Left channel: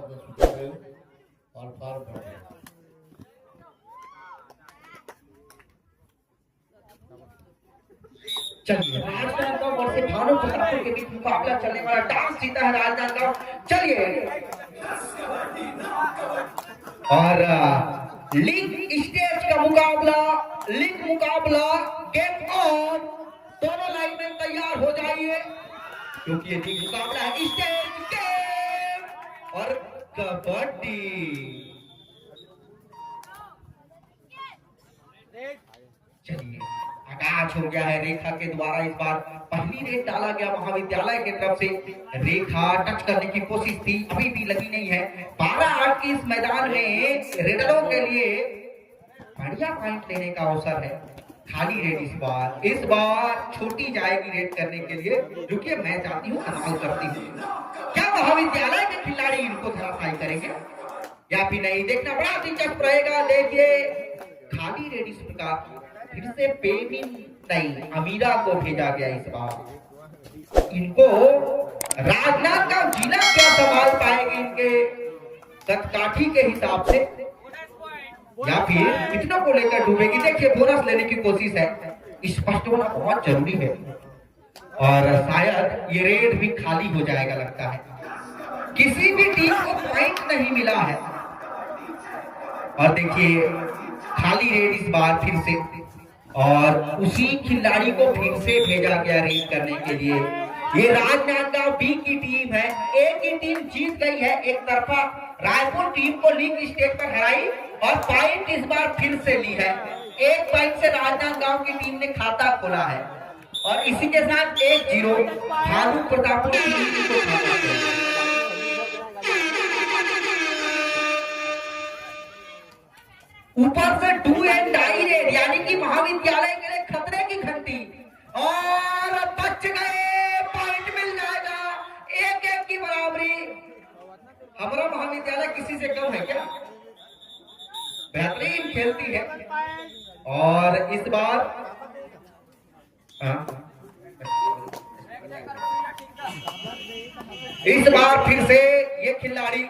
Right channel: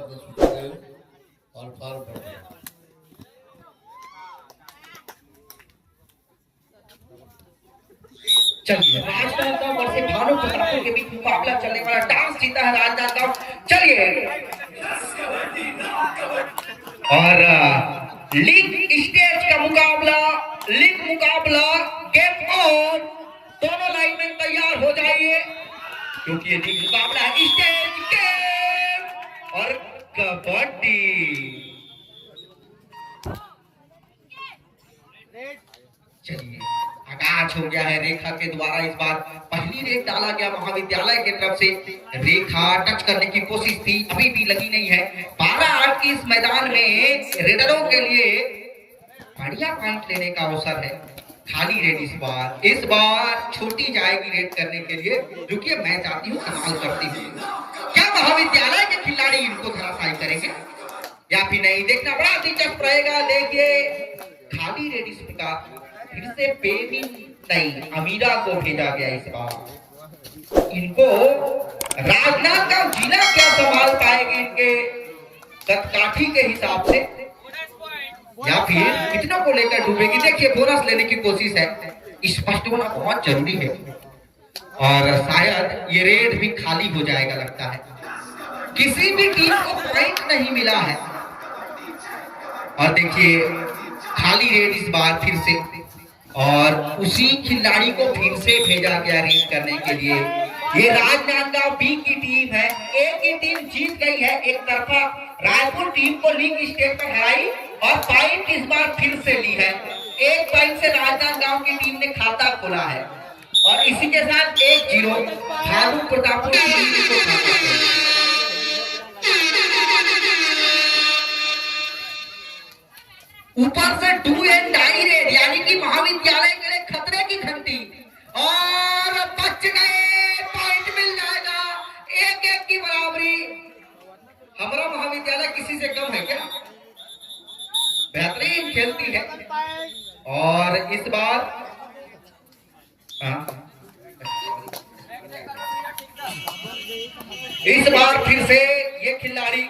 अपने सूचना दे और फार्म भर दे। चलिए राजनांदगांव वर्सेस भानु प्रतापपुर के बीच मुकाबला चलने वाला डांस जीता है राजनांदगांव। चलिए और लीग स्टेज का मुकाबला, लीग मुकाबला गेम ऑन। दोनों लाइनमैन तैयार हो जाइए क्योंकि ये लीग मुकाबला है स्टेज गेम और कबड्डी। चलिए आगाज हो गया है रेखा के द्वारा। इस बार पहली रेख डाला गया महाविद्यालय की तरफ से। रेखा टच करने की कोशिश थी, अभी भी लगी नहीं है। 12-8 की इस मैदान में रेडरों के लिए बढ़िया पॉइंट लेने का अवसर है। खाली रेड इस बार छोटी जाएगी रेड करने के लिए। रुकिए मैं जाती हूँ, सवाल करती हूँ, क्या महाविद्यालय के खिलाड़ी इनको धराशायी करेंगे या फिर नहीं, देखना बड़ा दिलचस्प रहेगा। देखिए खाली रेड इस प्रकार फिर से पेनी नहीं अमीरा को भेजा गया। इस बार इनको राजनांदगांव जिला क्या संभाल पाएगी इनके कदकाठी के हिसाब से या फिर कितनों को लेकर डूबेगी। देखिए बोनस लेने की कोशिश है, स्पष्ट होना बहुत जरूरी है और शायद ये रेड भी खाली हो जाएगा लगता है। किसी भी टीम को पॉइंट नहीं मिला है और देखिए खाली रेड इस बार फिर से और उसी खिलाड़ी को फिर से भेजा गया रेड करने के लिए। ये राजनांदगांव बी की टीम है, ए की टीम जीत गई है एक तरफा। रायपुर टीम को लीग स्टेज पर हराई और पॉइंट इस बार फिर से ली है। एक पॉइंट से राजनांदगांव की टीम ने खाता खोला है और इसी के साथ 1-0 भानु प्रतापपुर की टीम को खाता खोला। ऊपर से डू एंड डाई रेड यानी कि महाविद्यालय के लिए खतरे की घंटी और बच गए, पॉइंट मिल जाएगा। 1-1 की बराबरी। हमारा महाविद्यालय किसी से कम है क्या? बेहतरीन खेलती है और इस बार फिर से ये खिलाड़ी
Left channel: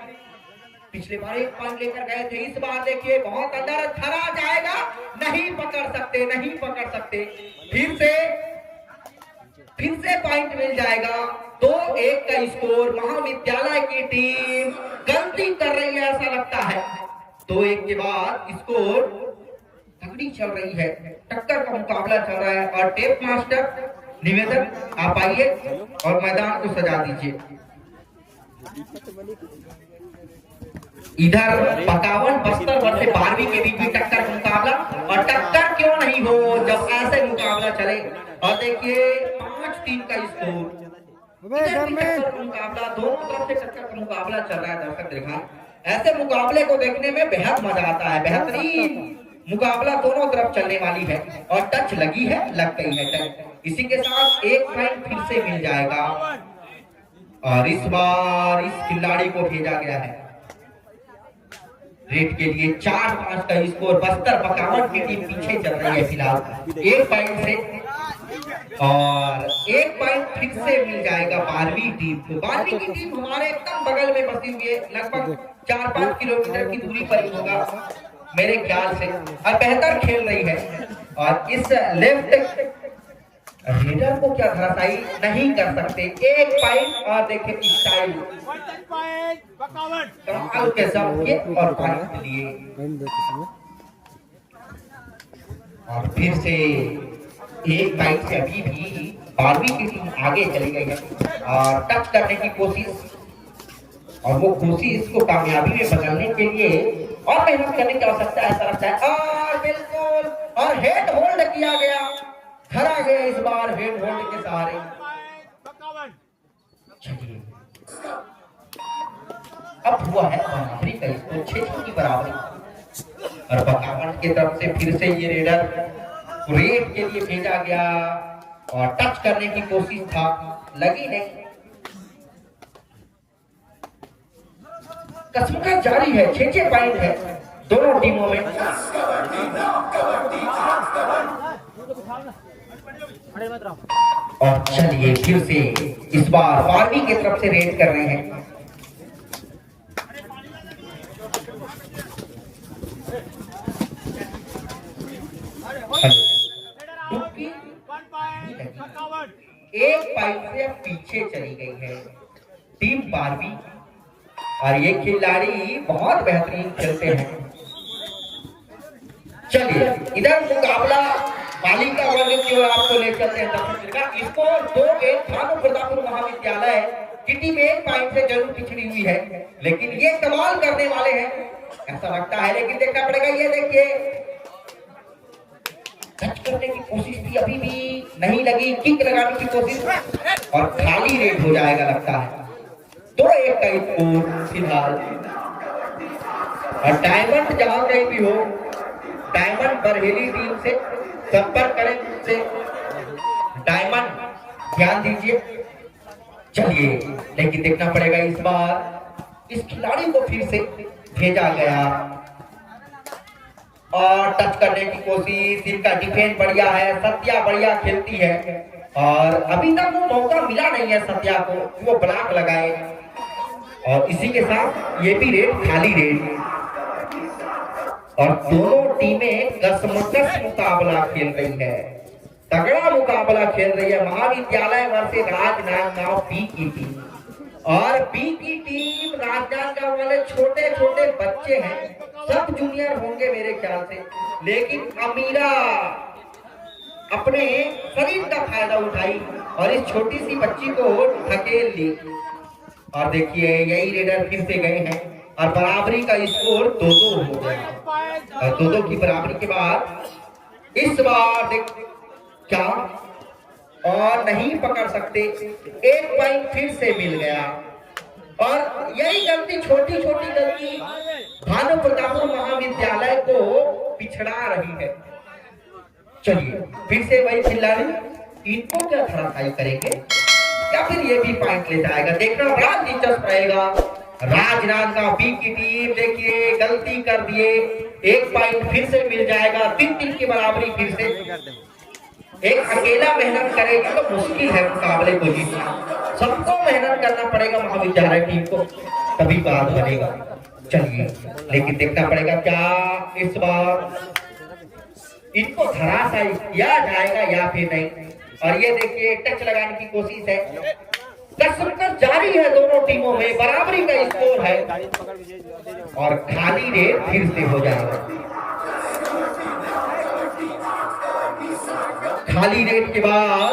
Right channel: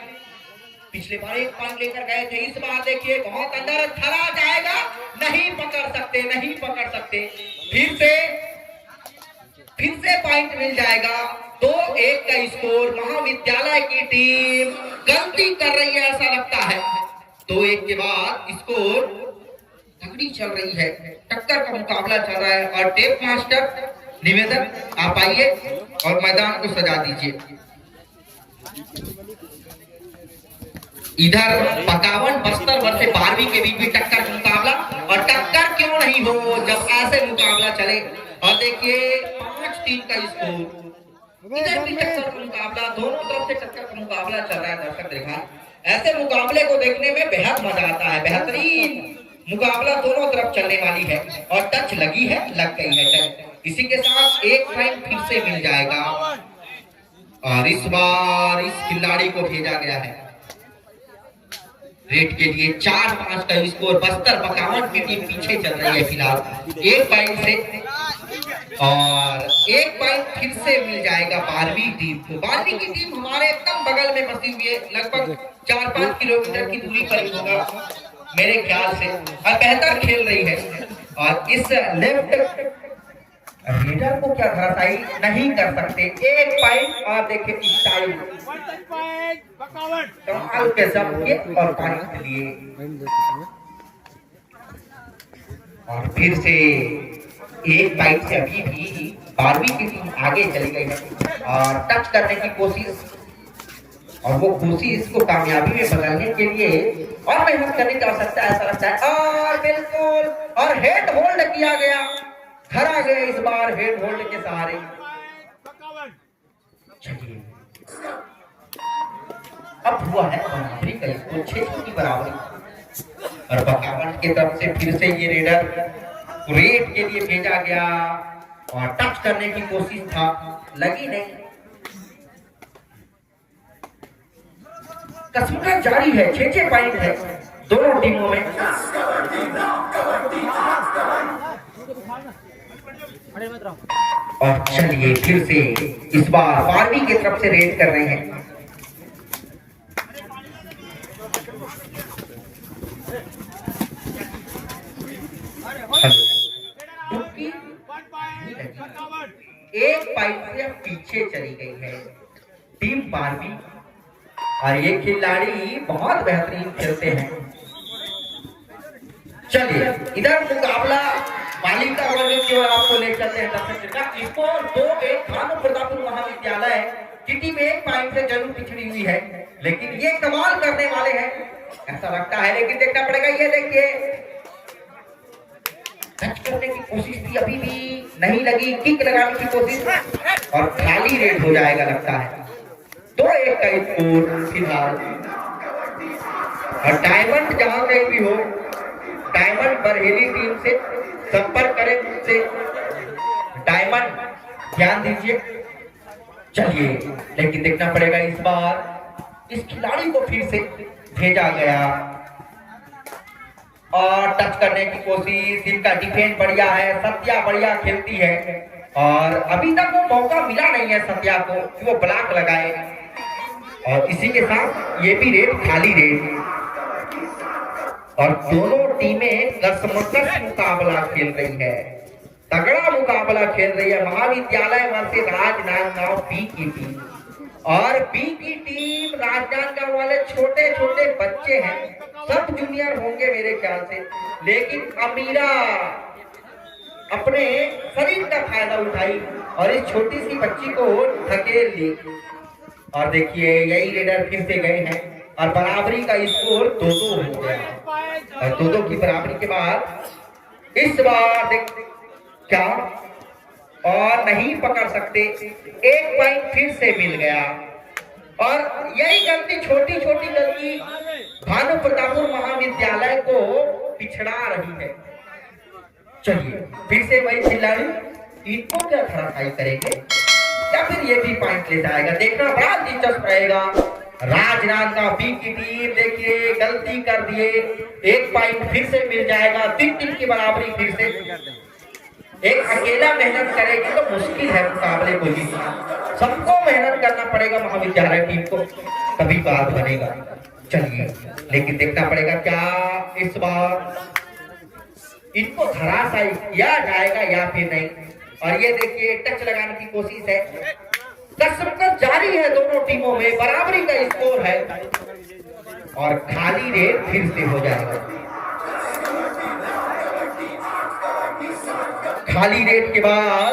पिछले बार एक पॉइंट लेकर गए थे, इस बार देखिए बहुत अंदर थरा जाएगा, नहीं पकड़ सकते। फिर से पॉइंट मिल जाएगा। 2-1 का स्कोर। महाविद्यालय की टीम गलती कर रही है ऐसा लगता है। 2-1 के बाद स्कोर तगड़ी चल रही है, टक्कर का मुकाबला चल रहा है और टेप मास्टर निवेदन आप आइए और मैदान को सजा दीजिए। इधर 51 बस्तर वर्सेस 12वीं के बीच भी टक्कर का मुकाबला और टक्कर क्यों नहीं हो जब ऐसे मुकाबला चले। और देखिए 5-3 का स्कोर। टक्कर का मुकाबला, दोनों तरफ से टक्कर का मुकाबला चल रहा है। दर्शक देखा ऐसे मुकाबले को देखने में बेहद मजा आता है। बेहतरीन मुकाबला दोनों तरफ चलने वाली है और टच लगी है, लग गई है टच। इसी के साथ एक पॉइंट फिर से मिल जाएगा और इस बार इस खिलाड़ी को भेजा गया है रेड के लिए। 4-5 का स्कोर। बस्तर 51 की टीम पीछे चल रही है फिलहाल 1 पॉइंट से और 1 पॉइंट फिर से मिल जाएगा 12वीं टीम को। 12वीं की टीम हमारे एकदम बगल में बसी हुई है, लगभग 4-5 किलोमीटर की दूरी पर होगा मेरे ख्याल से और बेहतर खेल रही है। और इस लेफ्ट रेडर को क्या धराशायी नहीं कर सकते। 1 पॉइंट और देखिए स्टाइल के सब और पॉइंट लिए और फिर से 1 पॉइंट से अभी भी 12वीं की टीम आगे चली गई है और टच करने की कोशिश और वो कोशिश को कामयाबी में बदलने के लिए और मेहनत करने की आवश्यकता ऐसा लगता है। और बिल्कुल और हेड होल्ड किया गया, धरा गया इस बार हेड होल्ड के सहारे। चलिए अब हुआ है बराबरी का स्कोर 6 की बराबरी और 52 की तरफ से फिर से ये रेडर रेड के लिए भेजा गया और टच करने की कोशिश था, लगी नहीं। कसरत जारी है, 6 पॉइंट है दोनों टीमों में। और चलिए फिर से इस बार 12वीं की तरफ से रेड कर रहे हैं डुबकी नहीं लगी। एक पाइप से अब पीछे चली गई है टीम बारहवीं और ये खिलाड़ी बहुत बेहतरीन खेलते हैं। चलिए इधर मुकाबला बालिका वर्ग जो है आपको ले चलते हैं दर्शक का। स्कोर 2-1 भानु प्रतापपुर महाविद्यालय की टीम 1 पॉइंट से जरूर पिछड़ी हुई है, लेकिन ये कमाल करने वाले हैं ऐसा लगता है। लेकिन देखना पड़ेगा, ये देखिए टच करने की कोशिश थी, अभी भी नहीं लगी। किक लगाने की कोशिश और खाली रेड हो जाएगा लगता है। 2-1 का स्कोर फिलहाल। और डायमंड जहां कहीं भी हो, डायमंड बरहेली टीम से संपर्क करें मुझसे। डायमंड ध्यान दीजिए। चलिए लेकिन देखना पड़ेगा, इस बार इस खिलाड़ी को फिर से भेजा गया और टच करने की कोशिश। इनका डिफेंस बढ़िया है, सत्या बढ़िया खेलती है और अभी तक वो मौका मिला नहीं है सत्या को कि वो ब्लॉक लगाए। और इसी के साथ ये भी रेड, खाली रेड। और दोनों टीमें कसमकस मुकाबला खेल रही है, तगड़ा मुकाबला खेल रही है। महाविद्यालय वर्सेस राजनांदगांव बी की टीम। और बी की टीम राजनांदगांव वाले छोटे छोटे बच्चे हैं, सब जूनियर होंगे मेरे ख्याल से, लेकिन अमीरा अपने शरीर का फायदा उठाई और इस छोटी सी बच्ची को धकेल ली। और देखिए यही रेडर फिर से गए हैं और बराबरी का स्कोर 2-2 हो गया। और 2-2 की बराबरी के बाद इस बार देख क्या और नहीं पकड़ सकते, 1 पॉइंट फिर से मिल गया। और यही गलती, छोटी छोटी गलती भानु प्रतापपुर महाविद्यालय को पिछड़ा रही है। चलिए फिर से वही खिलाड़ी, इनको क्या खड़ाई करेंगे या फिर ये भी पॉइंट ले जाएगा, देखना बड़ा दिलचस्प रहेगा। राजनांदगांव बी की टीम देखिए गलती कर दिए, 1 पॉइंट फिर से मिल जाएगा। 3-3 की बराबरी फिर से। एक अकेला मेहनत करेगी तो मुश्किल है मुकाबले को जीतना, सबको मेहनत करना पड़ेगा महाविद्यालय टीम को, तभी बात बनेगा। चलिए लेकिन देखना पड़ेगा क्या इस बार इनको धराशायी किया जाएगा या फिर नहीं। और ये देखिए टच लगाने की कोशिश है, कसरत जारी है दोनों टीमों में, बराबरी का स्कोर है और खाली रेड फिर से हो जाएगा। खाली रेड के बाद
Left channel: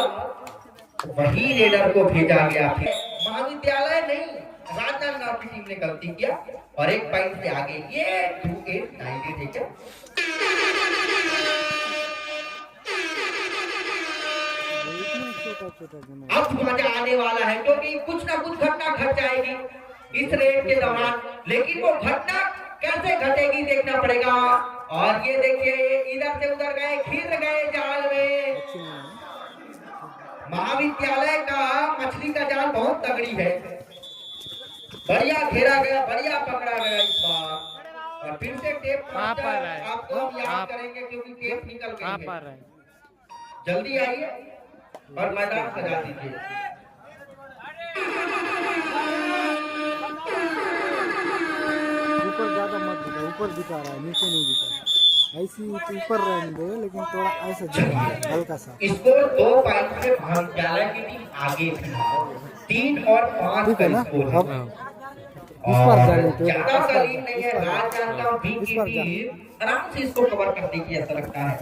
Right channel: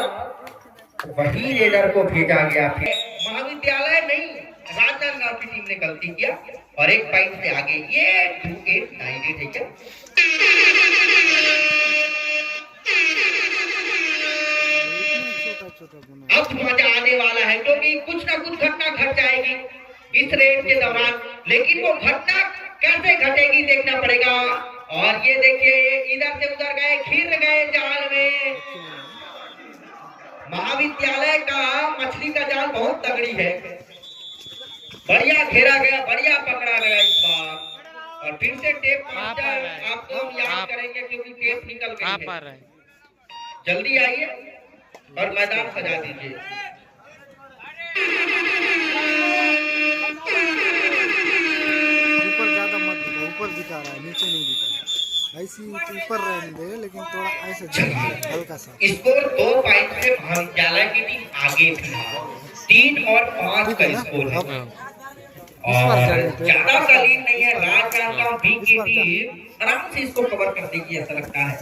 वही रेडर को भेजा गया। फिर महाविद्यालय नहीं, राजनांदगांव की टीम ने गलती किया और 1 पॉइंट से आगे। ये 2-8-9 ठीक है। अब मजा आने वाला है क्योंकि कुछ ना कुछ घटना घट जाएगी इस रेड के दौरान, लेकिन वो घटना कैसे घटेगी देखना पड़ेगा। और ये देखिए इधर से उधर गए, घिर गए जाल में। महाविद्यालय का मछली का जाल बहुत तगड़ी है, बढ़िया घेरा गया, बढ़िया पकड़ा गया इस बार। और फिर से टेप आपको हम याद करेंगे क्योंकि टेप निकल गई है। जल्दी आइए और मैदान सजा दीजिए। ऊपर ज्यादा मत दिखा, ऊपर दिखा रहा है, नीचे नहीं दिखा रहा। ऐसी ऊपर रहने दे, लेकिन थोड़ा ऐसा दिखा हल्का सा। स्कोर 2 पॉइंट से महाविद्यालय की टीम आगे थी, 3 और 5 का स्कोर है। और ज्यादा का लीड नहीं है। राजनांदगांव बी की टीम आराम से इसको कवर कर देगी ऐसा लगता है।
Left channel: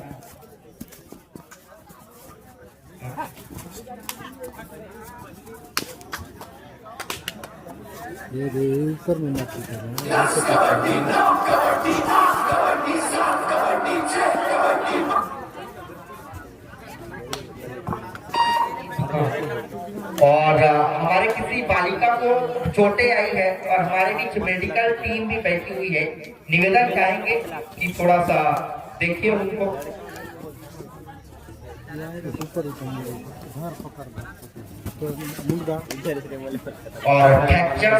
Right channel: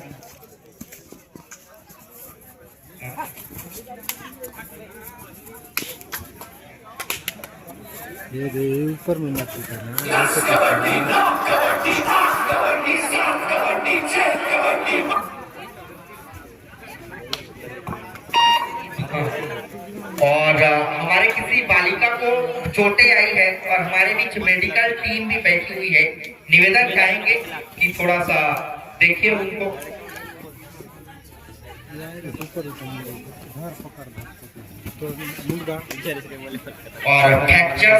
ये ऊपर में मत दिखा। और हमारे किसी बालिका को चोटें आई है और हमारे बीच मेडिकल टीम भी बैठी हुई है। निवेदन चाहेंगे कि थोड़ा सा देखिए उनको। और फ्रैक्चर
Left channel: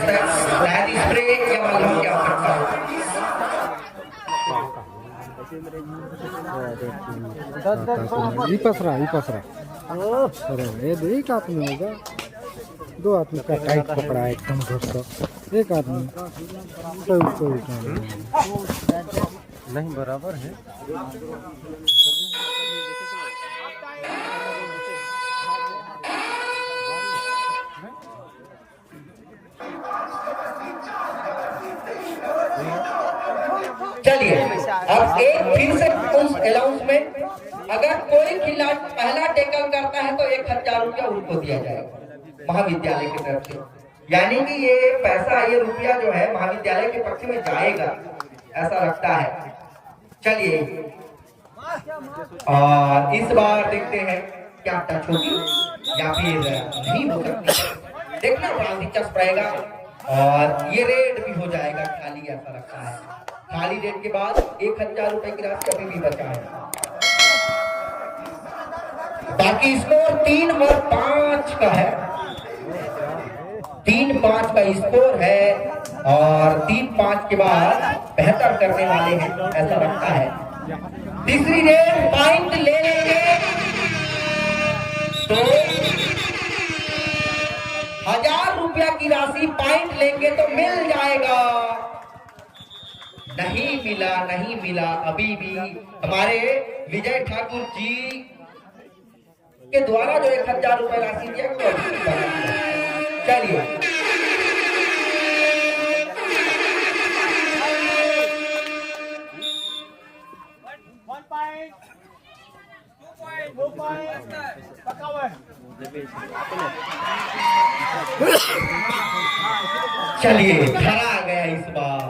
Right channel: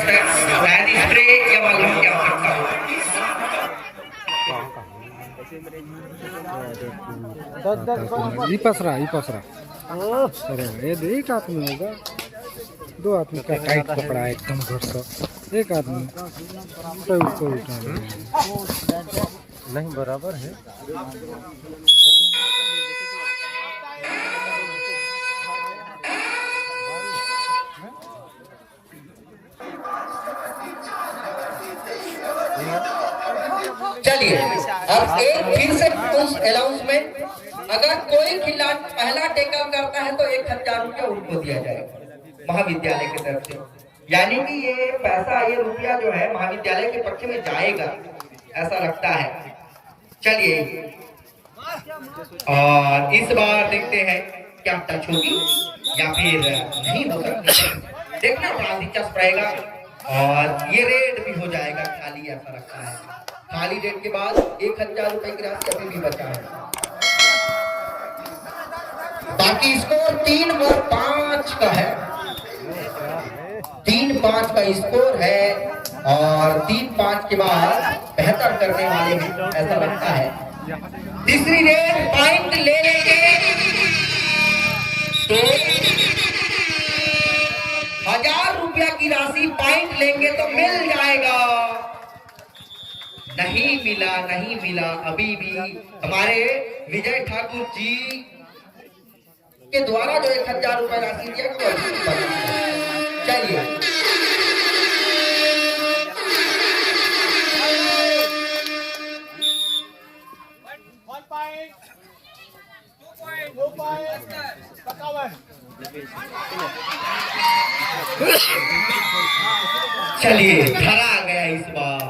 स्प्रे या मालूम क्या सकता है। ई पसरा अरे ये देख आप में होगा। दो आदमी का टाइट पकड़ा है एकदम जोर से, एक आदमी तो ऊपर उठा रहे हैं। नहीं बराबर है। चलिए अब एक फिर से उस अनाउंसमेंट, अगर कोई खिलाड़ी पहला टैकल करता है तो 1000 रुपया उनको दिया जाएगा महाविद्यालय की तरफ से। यानी कि ये पैसा, ये रुपया जो है महाविद्यालय के पक्ष में जाएगा, ऐसा लगता है। चलिए और इस बार देखते हैं क्या टच होगी या फिर नहीं होगा, देखना बड़ा दिलचस्प रहेगा। और ये रेड भी हो जाएगा खाली, ऐसा लगता है। खाली रेड के बाद 1000 रुपए की राशि अभी भी बचा है। बाकी स्कोर 3 और 5 का है, 3-5 का स्कोर है। और 3-5 के बाद बेहतर करने वाले हैं, ऐसा लगता है। तीसरी रेड पॉइंट ले लेंगे तो 1000 रुपया की राशि पॉइंट लेंगे तो मिल जाएगा। नहीं मिला, नहीं मिला, अभी भी हमारे विजय ठाकुर जी के द्वारा जो 1000 रुपए राशि दिया गया। चलिए चलिए धरा गया इस बार।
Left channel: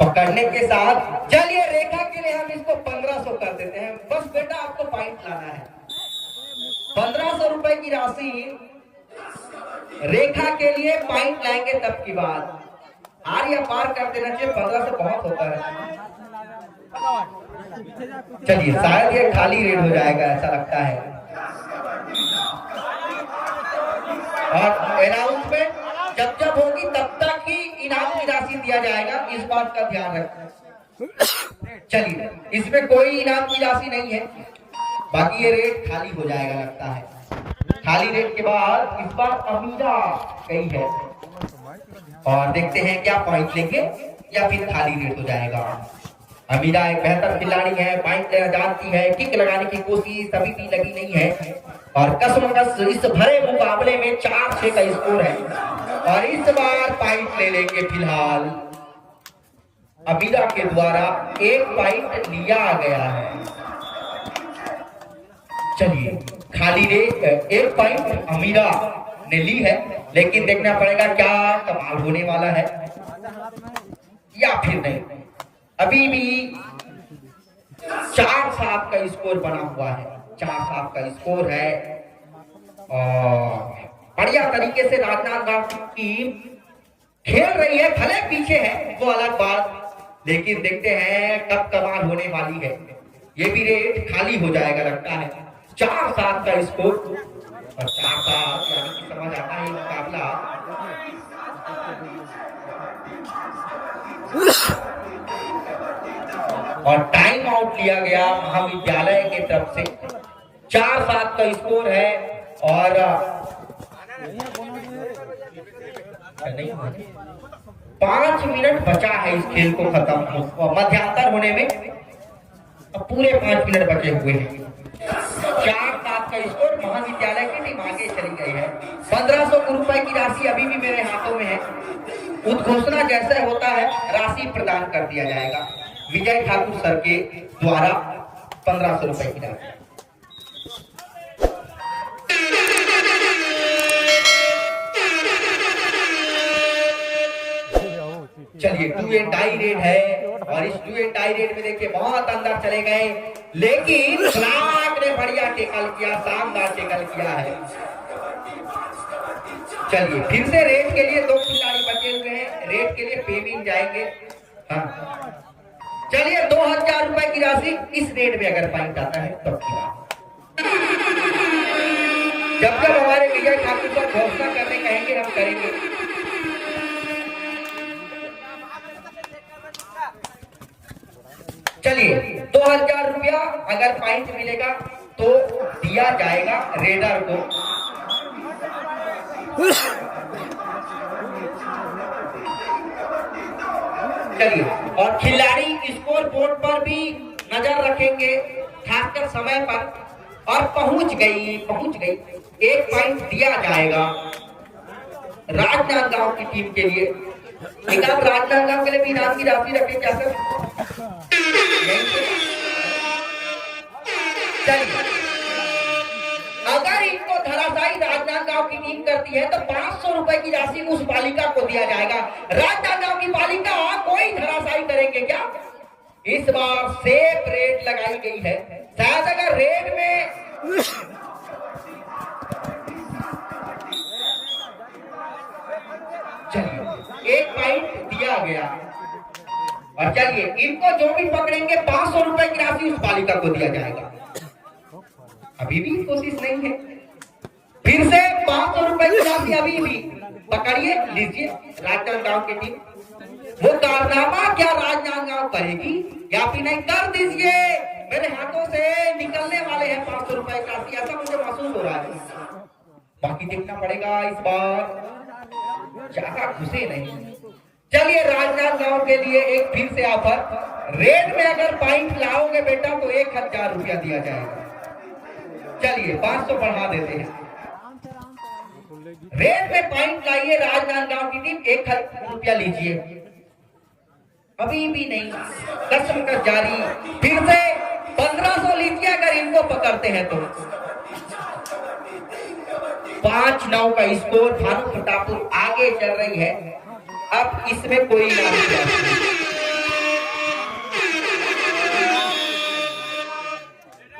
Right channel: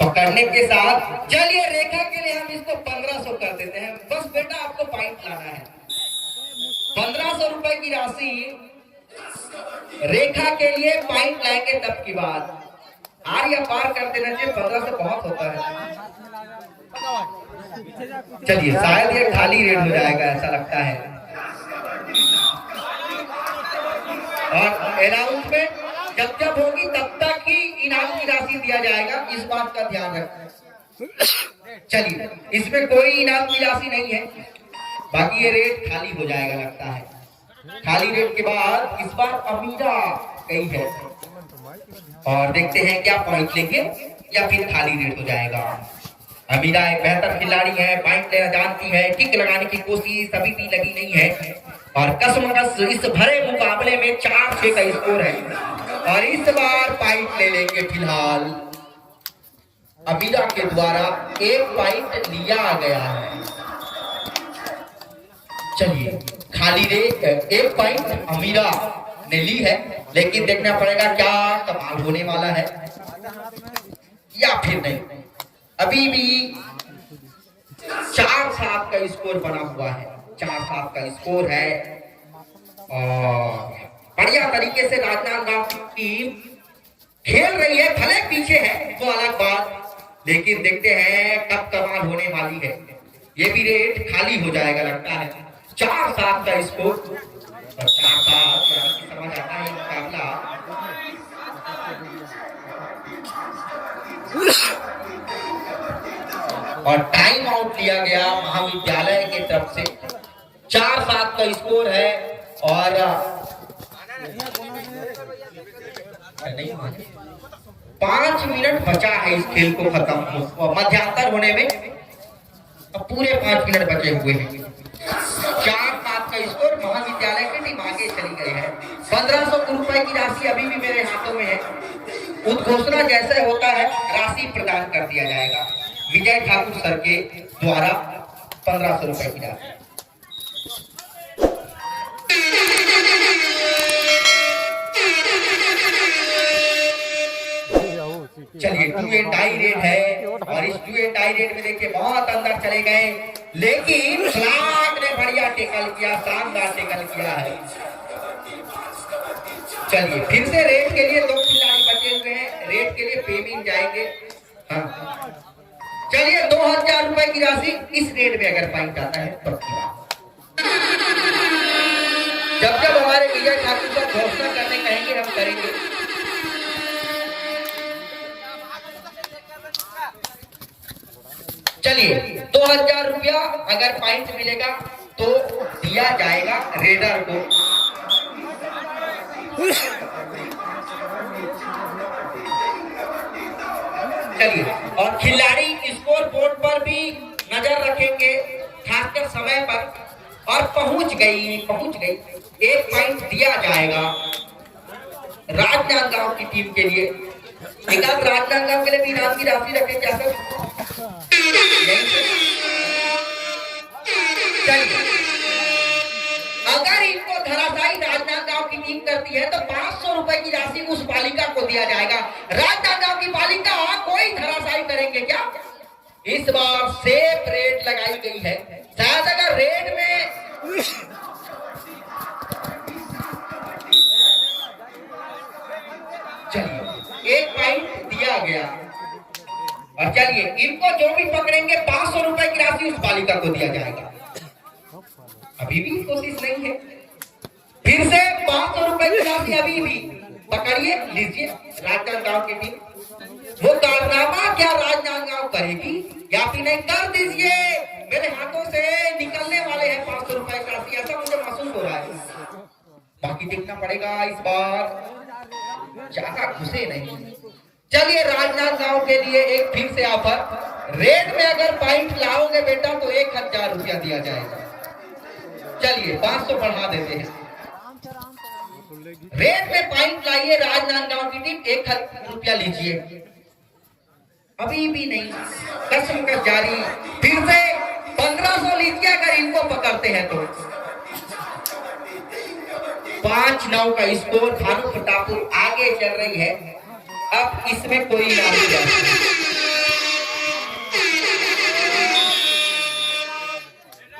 पकड़ने के साथ चलिए रेखा के लिए हम इसको 1500 कर देते हैं। बस बेटा आपको पॉइंट लाना है। 1500 रुपए की राशि रेखा के लिए पॉइंट लाएंगे तब की बात। आर्या पार कर देना चाहिए, 1500 बहुत होता है। चलिए शायद ये खाली रेड हो जाएगा, ऐसा लगता है। और अनाउंसमेंट जब जब होगी तब तक ही इनाम की राशि दिया जाएगा, इस बात का ध्यान रखें। चलिए इसमें कोई इनाम की राशि नहीं है, बाकी ये रेट खाली हो जाएगा लगता है। खाली रेट के बाद इस बार अमीरा गई है और देखते हैं क्या पॉइंट लेंगे या फिर खाली रेट हो जाएगा। अमीरा एक बेहतर खिलाड़ी है, पॉइंट लेना जानती है, किक लगाने की कोशिश अभी भी लगी नहीं है। और कसमकस इस भरे मुकाबले में 4-6 का स्कोर है और इस बार पॉइंट ले लेंगे। फिलहाल अमीरा के द्वारा 1 पॉइंट लिया गया है। चलिए खाली रेट 1 पॉइंट अमीरा ने ली है, लेकिन देखना पड़ेगा क्या कमाल होने वाला है या फिर नहीं। अभी भी 4-7 का स्कोर बना हुआ है, 4-7 का स्कोर है। और बढ़िया तरीके से राजनांदगांव की टीम खेल रही है, भले पीछे है वो अलग बात, लेकिन देखते हैं कब कमाल होने वाली है। ये भी रेट खाली हो जाएगा लगता है। 4-7 का स्कोर और 4-7 समझ आता है मुकाबला। और टाइम आउट लिया गया महाविद्यालय की तरफ से। 4-7 का स्कोर है और नहीं 5 मिनट बचा है इस खेल को खत्म मध्यांतर होने में। अब पूरे 5 मिनट बचे हुए हैं। 4-7 का स्कोर, महाविद्यालय की टीम आगे चली गई है। 1500 रुपए की राशि अभी भी मेरे हाथों में है। उद्घोषणा जैसे होता है राशि प्रदान कर दिया जाएगा विजय ठाकुर सर के द्वारा। 1500 रुपए की राशि। चलिए 2 एंड टाई रेड है और इस 2 एंड टाई रेड में देखिए बहुत अंदर चले गए, लेकिन फ्लाग ने बढ़िया टेकल किया, शानदार टेकल किया है। चलिए फिर से रेड के लिए 2 खिलाड़ी बचे हुए हैं, रेड के लिए पेमेंट जाएंगे। हाँ। चलिए 2000 रुपए की राशि इस रेड में अगर पॉइंट आता है तब की बात। जब जब हमारे विजय ठाकुर का घोषणा करने कहेंगे हम करेंगे। चलिए 2000 रुपया अगर पॉइंट मिलेगा तो दिया जाएगा रेडर को। चलिए, और खिलाड़ी स्कोर बोर्ड पर भी नजर रखेंगे खासकर समय पर। और पहुंच गई। एक पॉइंट दिया जाएगा राजनांदगांव की टीम के लिए। लेकिन आप राजनांदगांव के लिए भी इनाम की राशि रखें क्या सर? चलिए, अगर इनको धराशायी राजनांदगांव की टीम करती है तो 500 रुपए की राशि उस बालिका को दिया जाएगा। राजनांदगांव की बालिका कोई धराशायी करेंगे क्या? इस बार सेफ रेट लगाई गई है। शायद अगर रेट में चलिए एक पॉइंट दिया गया। और चलिए, इनको जो भी पकड़ेंगे 500 रुपए की राशि उस बालिका को दिया जाएगा। अभी भी कोशिश नहीं है। फिर से 500 रुपए की राशि अभी भी पकड़िए, लीजिए राजनांदगांव की टीम। वो कारनामा क्या राजनांदगांव करेगी या फिर नहीं? कर दीजिए, मेरे हाथों से निकलने वाले हैं 500 रुपए की राशि, ऐसा मुझे महसूस हो रहा है। बाकी देखना पड़ेगा इस बार, ज्यादा घुसे नहीं। चलिए, राजनांदगांव के लिए एक फिर से ऑफर। रेट में अगर पॉइंट लाओगे बेटा तो 1000 रुपया दिया जाएगा। चलिए 500 बढ़ा देते हैं। रेट में पॉइंट लाइए राजनांदगांव की टीम, 1000 रुपया लीजिए। अभी भी नहीं, कसमकस जारी। फिर से 1500 लीजिए अगर इनको पकड़ते हैं तो। 5-9 का स्कोर, भानु प्रतापपुर आगे चल रही है। अब इसमें कोई नहीं।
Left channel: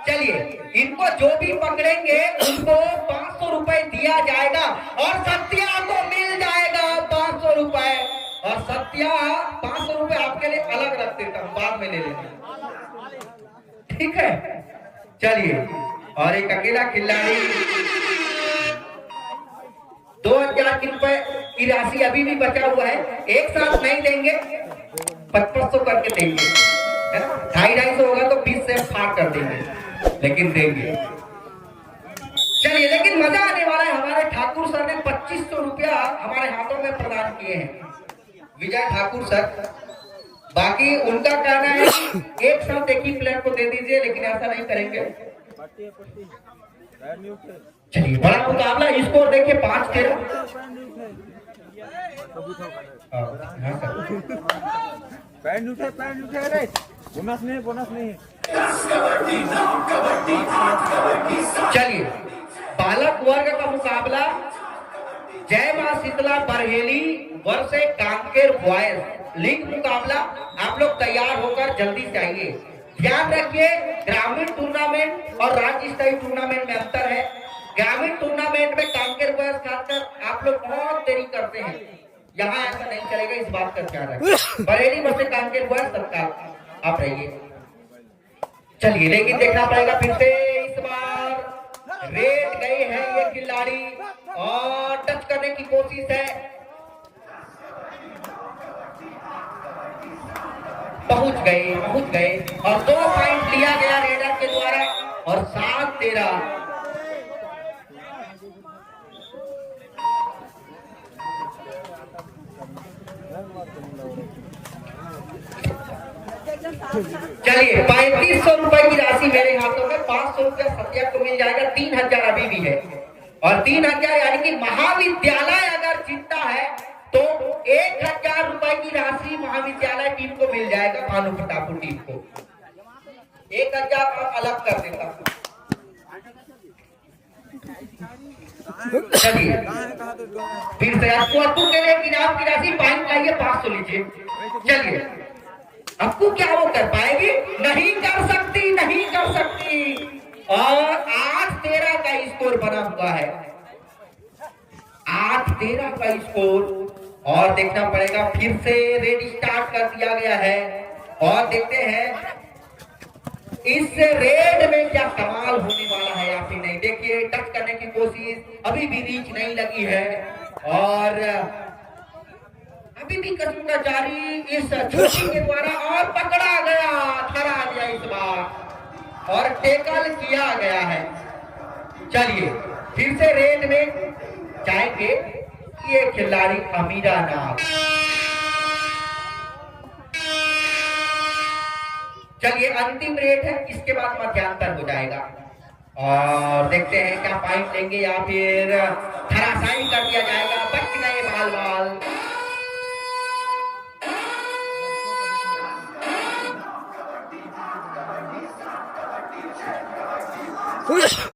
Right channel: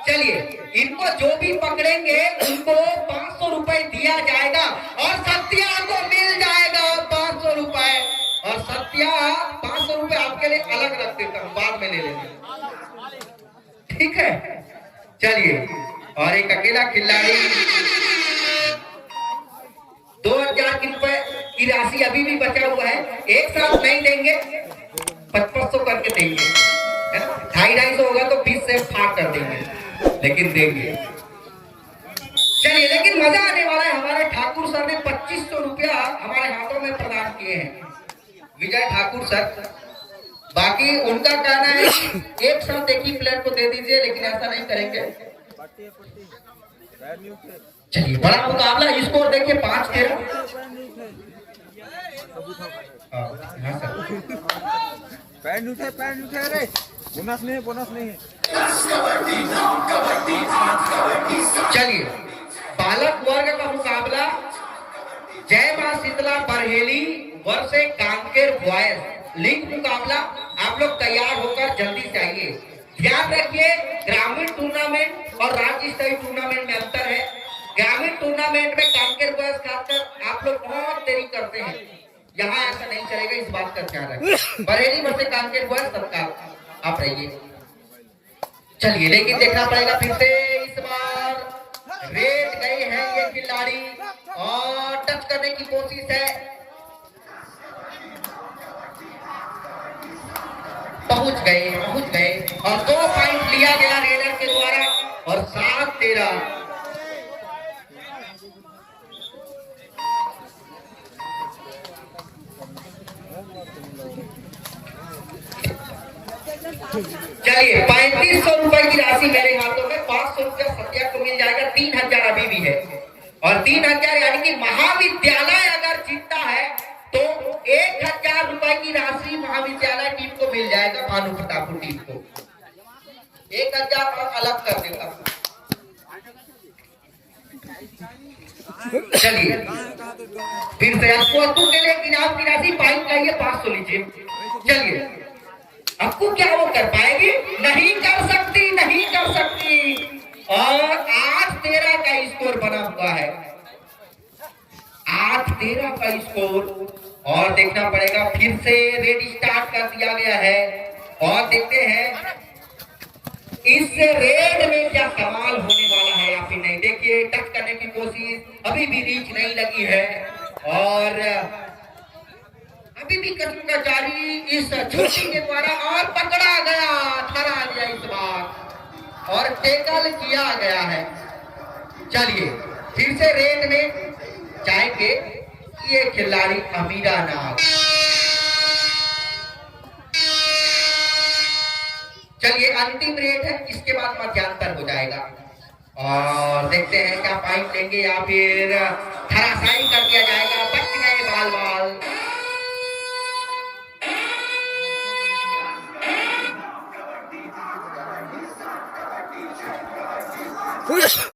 चलिए, इनको जो भी पकड़ेंगे उनको 500 रुपए दिया जाएगा और सत्या को मिल जाएगा 500 रुपए। और सत्या 500 रुपए आपके लिए अलग रख देता हूं, बाद में ले लेंगे, ठीक है? चलिए, और एक अकेला खिलाड़ी 2000 रुपए की राशि अभी भी बचा हुआ है। एक साथ नहीं देंगे, 2500 करके देंगे, 250 होगा तो 20 से फाड़ कर देंगे, लेकिन देंगे। चलिए, लेकिन मजा आने वाला है। हमारे ठाकुर सर ने 2500 रुपया हमारे हाथों में प्रदान किए हैं, विजय ठाकुर सर। बाकी उनका कहना है एक साथ एक ही प्लेयर को दे दीजिए, लेकिन ऐसा नहीं करेंगे। चलिए, बड़ा मुकाबला, स्कोर देखिए 5-13। पैंट उठे अरे बोनस नहीं। चलिए, बालक वर्ग का मुकाबला जय मां शीतला बरहेली वर्ष कांकेर बॉयज लीग मुकाबला। आप लोग तैयार होकर जल्दी से आइए। ध्यान रखिए, ग्रामीण टूर्नामेंट और राज्य स्तरीय टूर्नामेंट में अंतर है। ग्रामीण टूर्नामेंट में कांकेर बॉयज खासकर आप लोग बहुत देरी करते हैं, यहाँ ऐसा नहीं चलेगा, इस बात का ख्याल रखें। बरेली वर्ष कांकेर बॉयज तत्काल आप रहिए। चलिए, लेकिन देखना पड़ेगा फिर से इस बार रेट गए हैं ये खिलाड़ी और टच करने की कोशिश है, पहुंच गए और 2 पॉइंट लिया गया रेडर के द्वारा और 7-13। चलिए, 3500 रुपए की राशि मेरे हाथों में, 500 रुपया सत्या को मिल जाएगा, 3000 अभी भी है। और 3000 यानी कि महाविद्यालय अगर जीतता है तो 1000 रुपए की राशि महाविद्यालय टीम को मिल जाएगा, भानु प्रतापपुर टीम को। 1000 अलग कर देता हूं। चलिए, फिर से आपको के लिए इनाम की राशि 500 लीजिए। चलिए, आपको क्या वो कर पाएगी? नहीं कर सकती। और 8-13 का स्कोर बना हुआ है, 8-13 का स्कोर। और देखना पड़ेगा, फिर से रेड स्टार्ट कर दिया गया है और देखते हैं इस रेड में क्या कमाल होने वाला है या फिर नहीं। देखिए, टच करने की कोशिश, अभी भी रीच नहीं लगी है और अभी अंतिम कदम का जारी इस छोटी के द्वारा और पकड़ा गया, थरा दिया इस बार और टेकल किया गया है। चलिए फिर से रेड में जाएंगे ये खिलाड़ी अमीरा नाग। चलिए अंतिम रेट है, इसके बाद मध्यांतर हो जाएगा और देखते हैं क्या पॉइंट लेंगे या फिर धराशायी कर दिया जाएगा।